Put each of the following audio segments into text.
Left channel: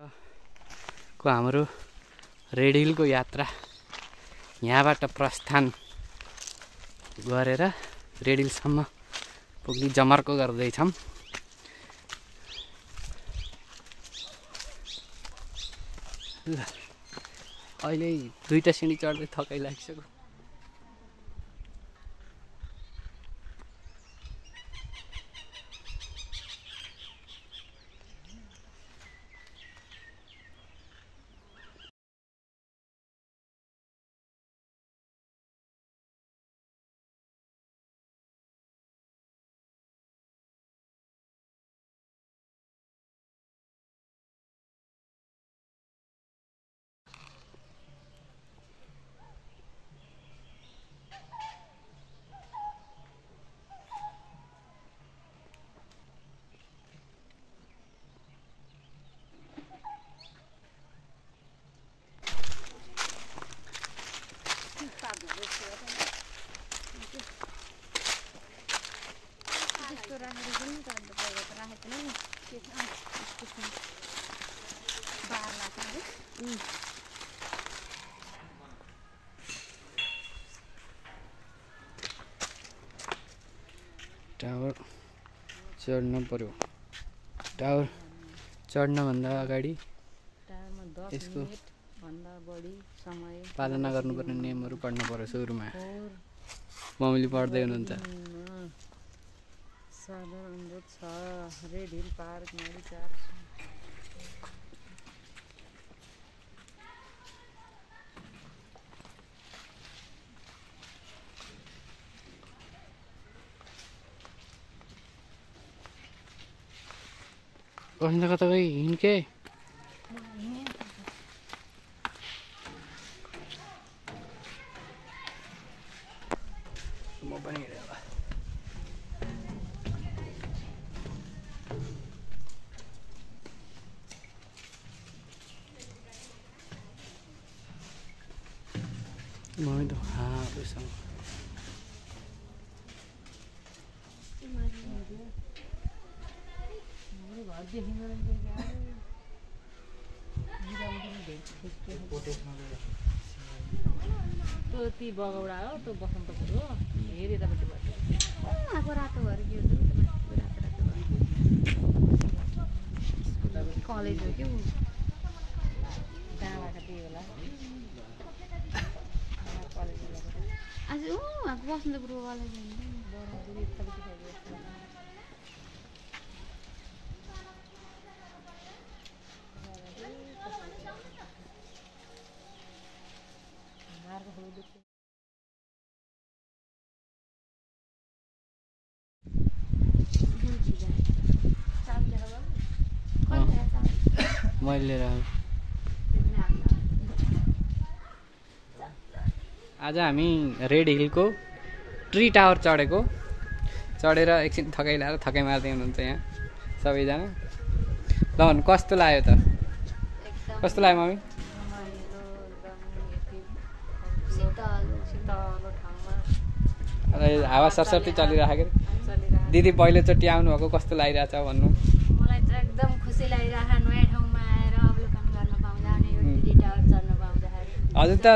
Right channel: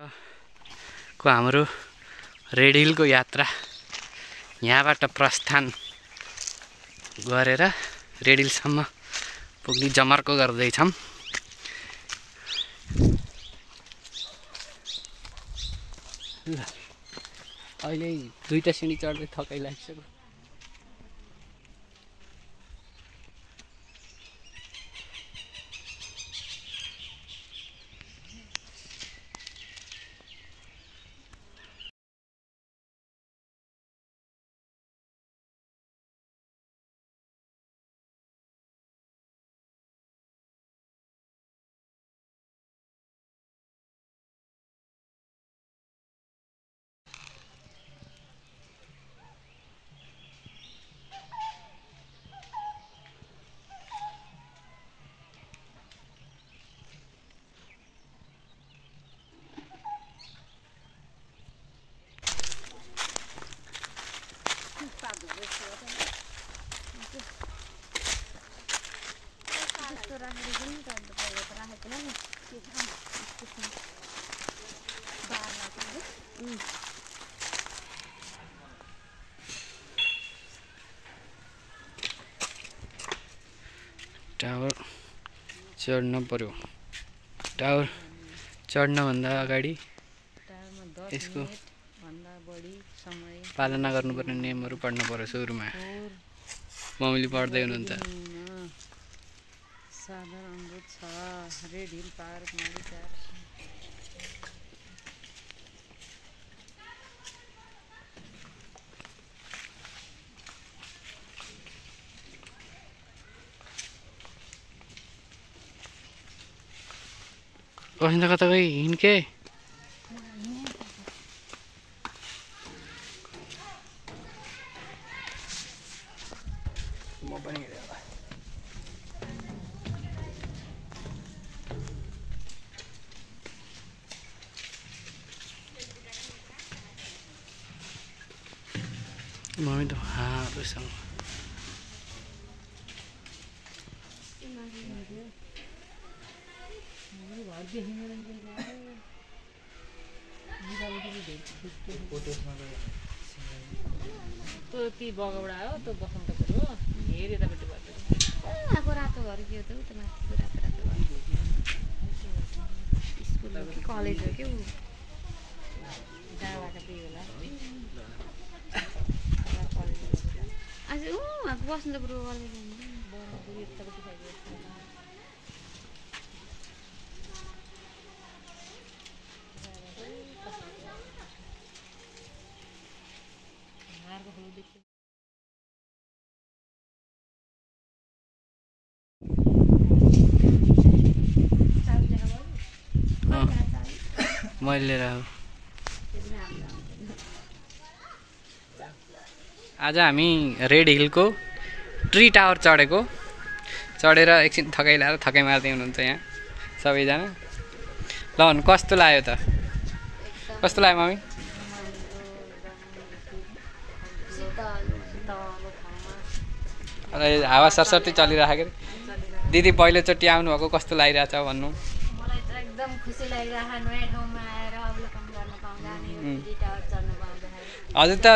को हाम्रो रेड हिलको यात्रा यहाँबाट प्रस्थान गरेर रेड हिलसम्म पुग्ने जमर्को गर्दैछौँ। ल अहिले दुईटा सिँढी चढ्दै थकाइ लागिसक्यो। टावर चढ्न पर्यो। टावर चढ्नभन्दा अगाडि यसको पालना गर्नुपर्ने नियमहरू पढ्नु पर्यो। सुरुमा मम्मीले पढ्दै हुनुहुन्छ। साधारण अनुरोध छ रेड हिल पार्क कहीं कता गई हिँडके म पनि हिँडेँ होला। मम्मी त हातसँग ती बगौडा हो त्यो बसन्तपुर हो हेरे तपाईँ आगो रातो घर के हो कलेज हो कि डाँडाका त्यही बेला आज बसन्तपुर कलेज मैले लिएर आज हामी रेड हिलको ट्री टावर चढेर एकछिन थकाइ लाएर थकाइ मार्दै हुनुहुन्छ यहाँ सबैजना। ल भन्नु कस्तो लाग्यो त? कस्तो लाग्यो मम्मी? हावा सरसर्ती चलिरहेको रे। दिदी पहिलोचोटि आउनुभएको कस्तो लागिरहेछ भन्नु? मलाई त एकदम खुसी लागिरहेको नयाँ ठाउँमा आएर अवलोकन गर्न पाउँदा अनि यो ट्री टावर चढ्न पाउँदाखेरि। हजुर त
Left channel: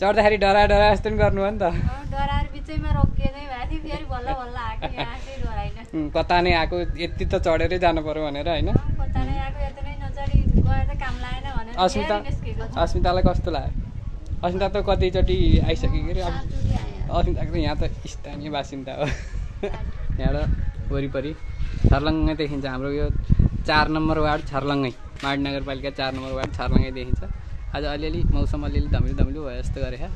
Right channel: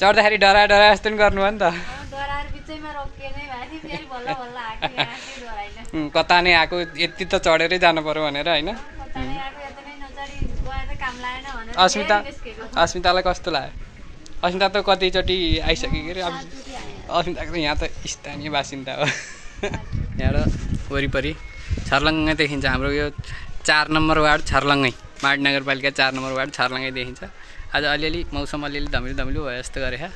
चढ्दाखेरि डरा जस्तो नि गर्नु हो नि त। डराएर बिचैमा रोकिए नै भयो थियो फेरि बल्ल बल्ल आएको यहाँ चाहिँ डराइन। कता नै आएको यति त चढेरै जानु पर्यो भनेर होइन। कता नै आएको यति नै नचढी गएर त काम लागेन भनेर अस्मितालाई कस्तो लाग्यो? अस्मिता त कतिचोटि आइसक्यो के अरे। अब अस्मिताको त यहाँ त स्थानीय बासिन्दा हो। यहाँबाट वरिपरि छर्लङ्गै देखिन्छ हाम्रो यो 4 नम्बर वार्ड छर्लङ्गै माड नगरपालिका 4 नम्बर वार्ड छर्लङ्गै देखिन्छ। आज अलिअलि मौसम अलिअलि धमिलो भयो जस्तो गरे हा।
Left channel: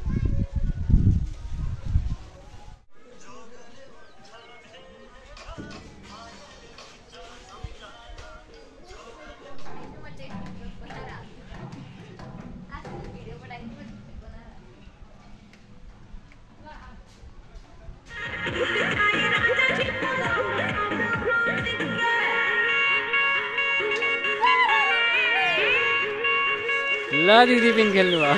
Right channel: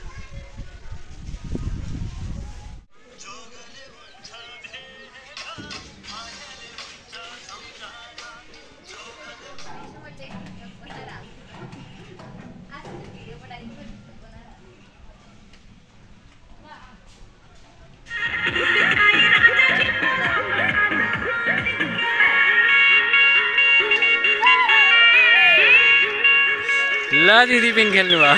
ल दिदी पिन खेल्नु भयो।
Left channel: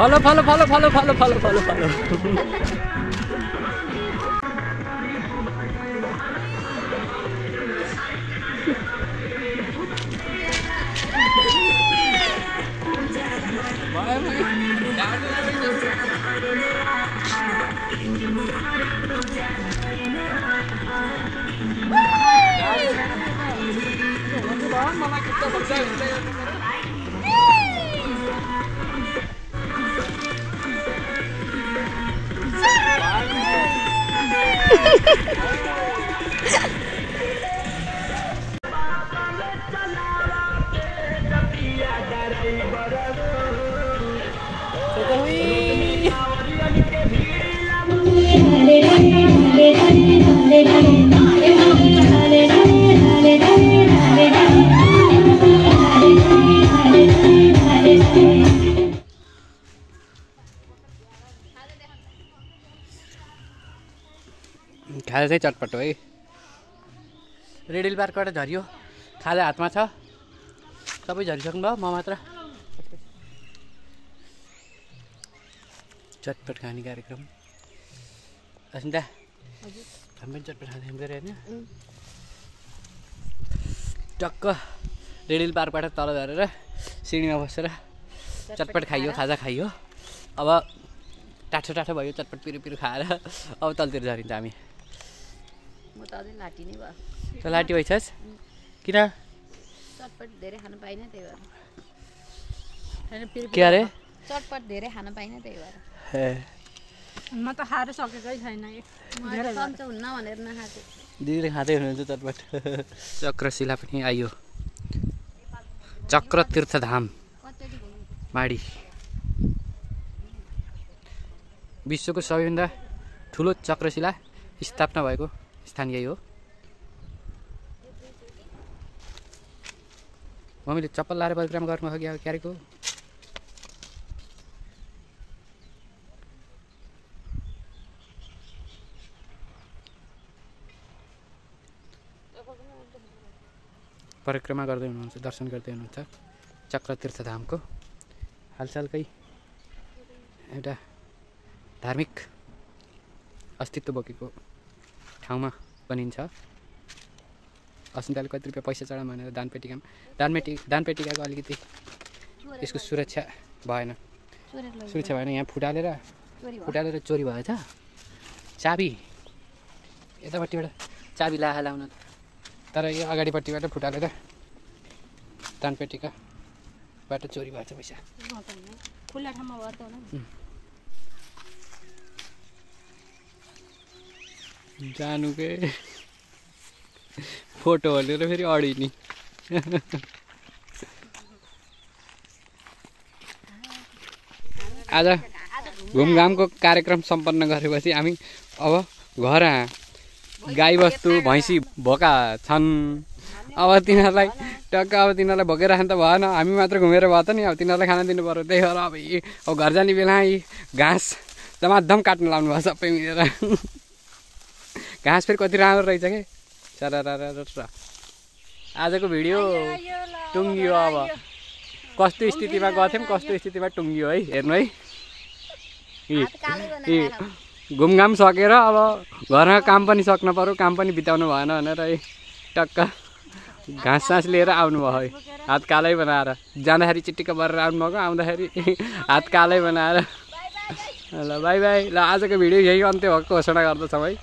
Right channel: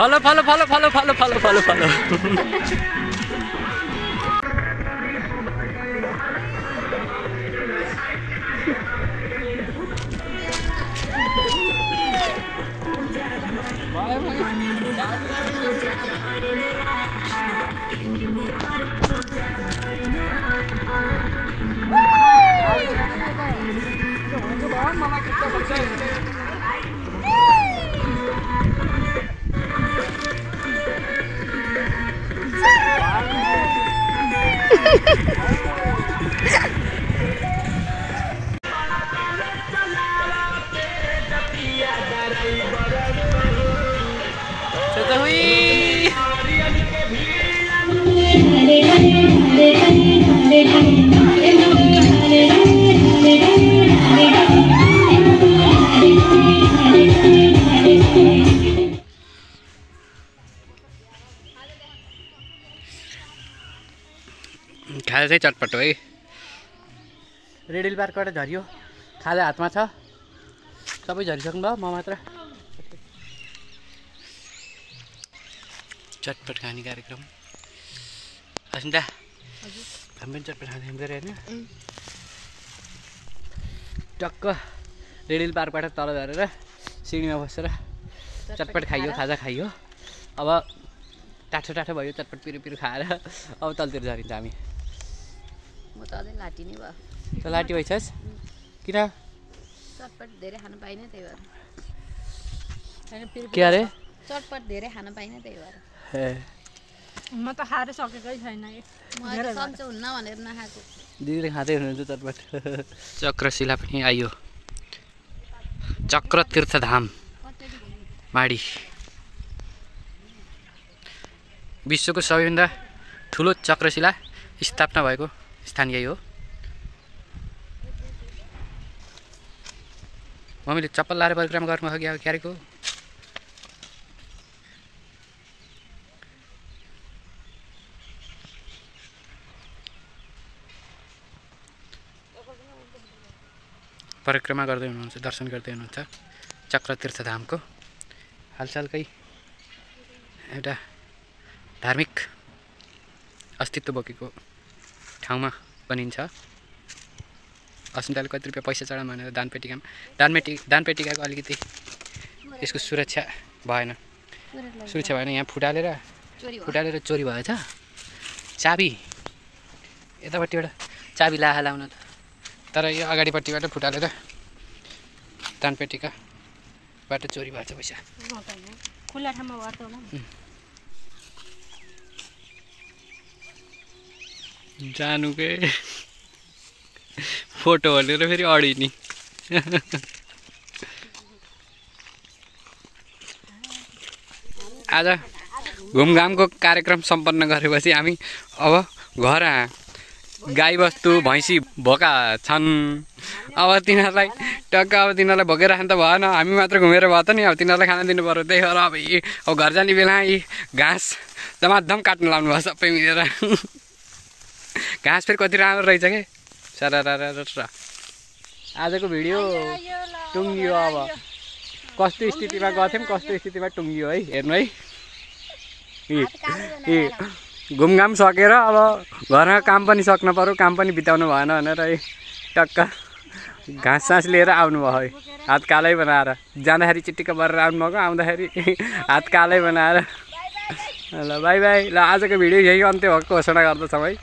Follow follow follow follow follow follow follow follow खाजा चाहिँ चटपट है। रेड हिल पार्कबाट झरियो, खाजा हातमा छ, सबै झरिसक्नु भयो, म मात्र। चटपट खाने कार्यक्रम। अस्मिता हामी पनि चटपट खाने गरे होइन? टक्क रेड हिल पार्कबाट तल झरेर सिँढीमा बसेर चटपट खाइयो, खाजा खाइयो। अब टाठो टाठो भयो, चटपट पिरो पिरो खाएर अब तलतिर झरिन्छ हामी। म त अझै लाटी नै भयो। त लाटी भइछस्? किन? चटपट धेरै खान पाइनँ त्यही भएर। के अरे? चटपट धेरै खान पाइनँ त्यही भएर। म त खाएर सकेकै छैन। म सन्चो हुन्न भनेर नखाएको। दिदीले खाँदै हुनुहुन्छ चटपट। चक्रशिला पनि आइयो। चक्र तीर्थधाम माडी। विश्वको सबैभन्दा ठुलो चक्रशिला स्थापना भएको स्थान यही हो। मम्मीले चप्पल लाएर परिक्रमा गर्नु अघि अब क्यारेको परिक्रमा गर्दै हुनुहुन्छ, दर्शन गर्दै हुनुहुन्छ चक्र तीर्थधामको। हालसालकै एउटा धार्मिक अस्तित्व बोकेको ठाउँमा बनिन्छ। अस्मिताले कति रुपियाँ पैसा चढाउँ भनेर दानपेटिकाको अलिकति यसको सुरक्षा भएन। यहाँ फुटालेर चोरी भएछ। चाबी यतापट्टिबाट चाबी लाउन त, तर यो अगाडिपट्टिबाट फुटालेर दानपेटिकाबाट चोरी भएछ पैसा। खुल्ला ठाउँमा गर्दा होला। जानुकै फोटो हालेर फेरि अडिनी। आज घुमघामको कार्यक्रम सम्पन्न गरेपछि हामी अब घर गाईबस्तु भैँसी भोका छन्। अब तिनीहरूलाई टक्क अब तिनीहरूलाई भोकेर खान त भएन, हामी मात्र घुमेर भयो त नि। अब तिनीहरूलाई खाना दिनु पर्यो। त्यही भएर अब घर जाने बेला यी घाँस धमाधम काट्नु लाउनु भयो सबै मिलेर। घाँस फेरि कति राम्रो रहेछ कि सारा। आजको भिडियो टुङ्गियो। अब कस्तो स्थितिमा गएको थियौँ, कस्तो स्थितिमा टुङ्गियो है। हेर्नु है, घुमघाम सकेर अब घरमा काम पनि सक्नु पर्यो, काम पनि बिताउनु भएन भनेर है टक्क घाँस सास लिएर आउनुभयो है। हात कालै बनाएर जाँदाखेरि चिट्टिक्क बरेर आउनुभएको, आउँदाखेरि हात कालै बनाएर। ल बाई बाई। ल आजको भिडियो यही अन्त्य भएको घोषणा गर्दछौँ है।